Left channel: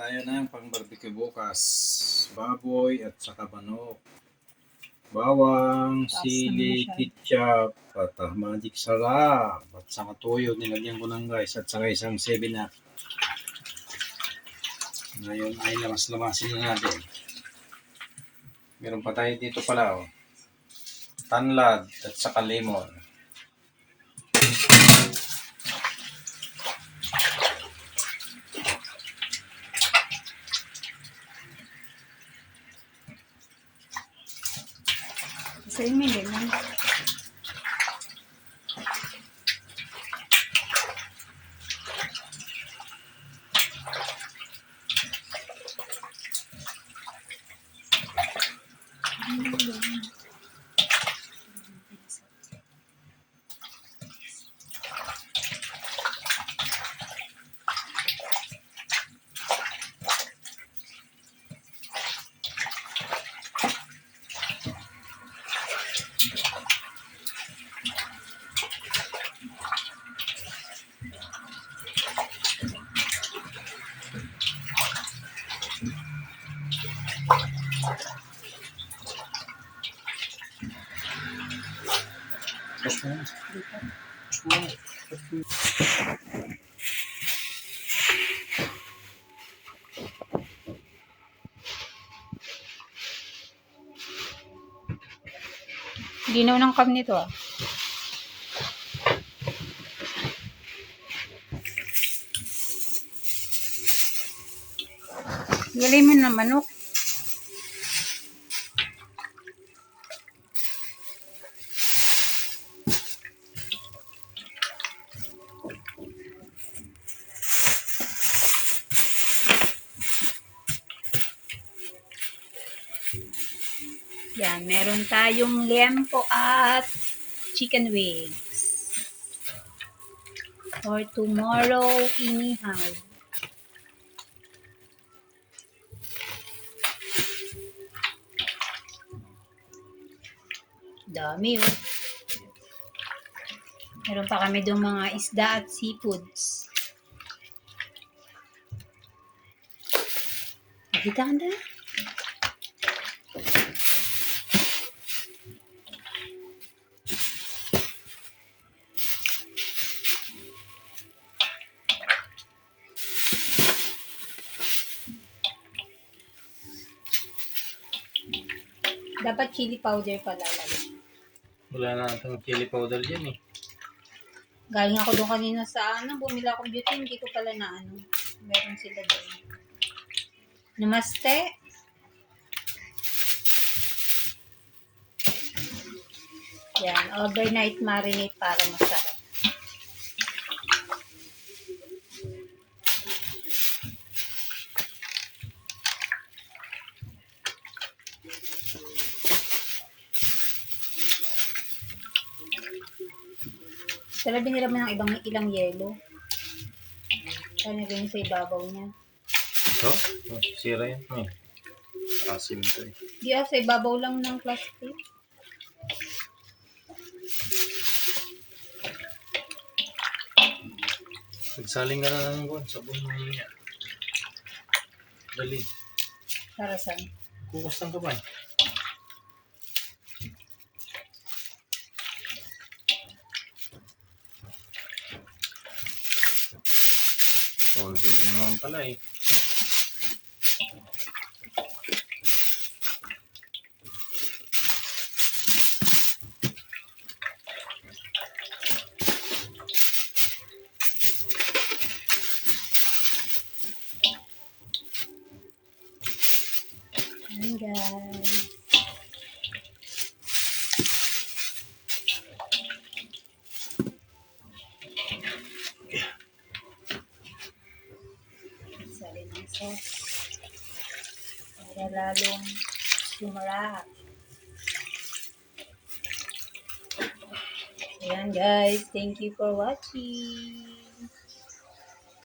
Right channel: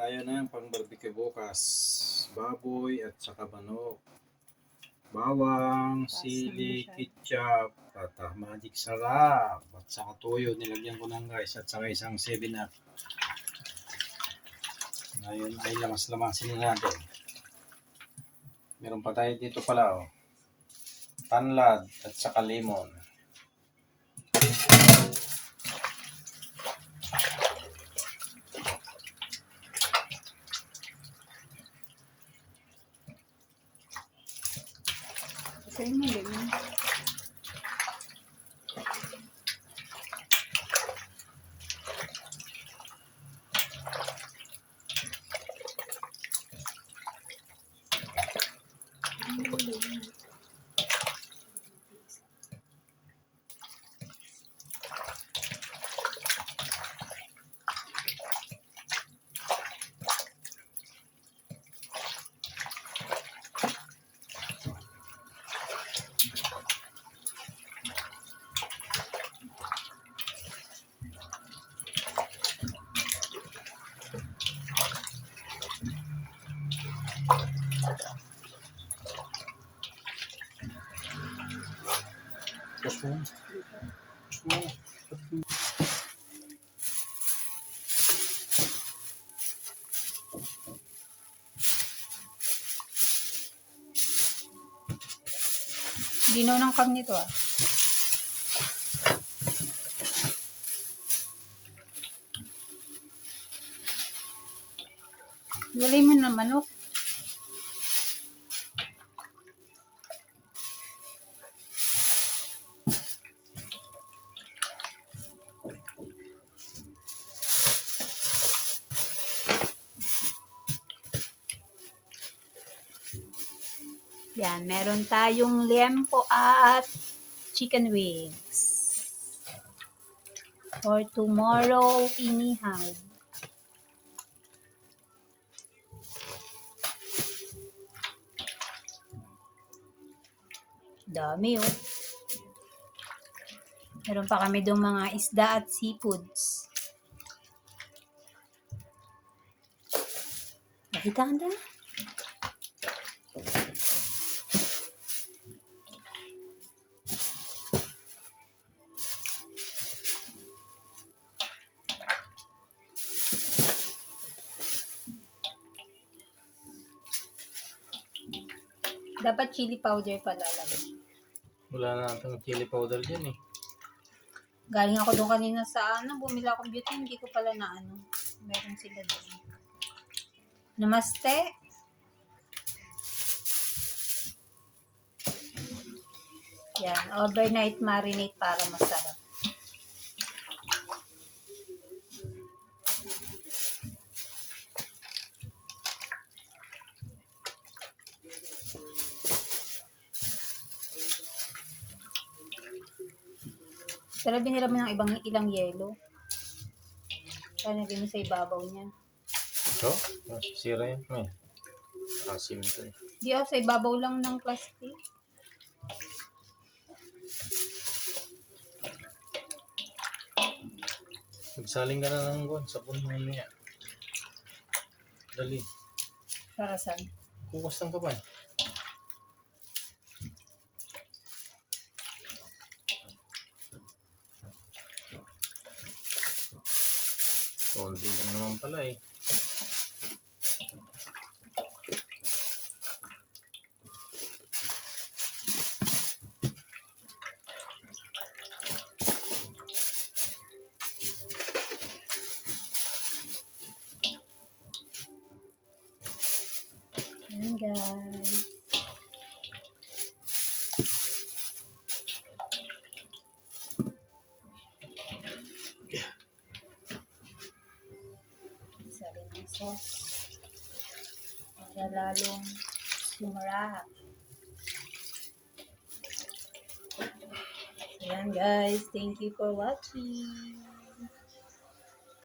tayo ng pang-barbecue bukas. Baboy at saka manok. Bawang, sili, ketchup, at magic sarap. At saka toyo, nilagyan ko lang guys. At saka isang 7-up. Ngayon ay lamas-lamasin na natin. Meron pa tayo dito pala oh. Tanlad at saka lemon. Sa'yo may lemon. Ginaw ng kam nito ah. Gali mo na manok. Yan, meron tayong liempo at chicken wings. For tomorrow, inihaw. Dami oh. Meron pa kami doon mga isda at seafoods. Nakita ka na? Dapat chili powder pala lang. Wala na natin chili powder yan eh. Galing ako doon kanina sa bumili akong beauty, hindi ko pala na meron sila doon. Namaste. Yan, overnight marinate para masarap. Sana binira mo ng ilang yelo. Sana rin sa ibabaw niya. No? Sira yan eh. Asim ito eh. Di sa ibabaw lang ng plastic. Nagsaling ka na ng buwan. Sabon mo niya. Dali. Para saan? Kukustang ka ba? Oh, hindi naman pala eh. Ayan guys. Sali ng sauce. Para lalong sumarap. Ayan guys. Thank you for watching.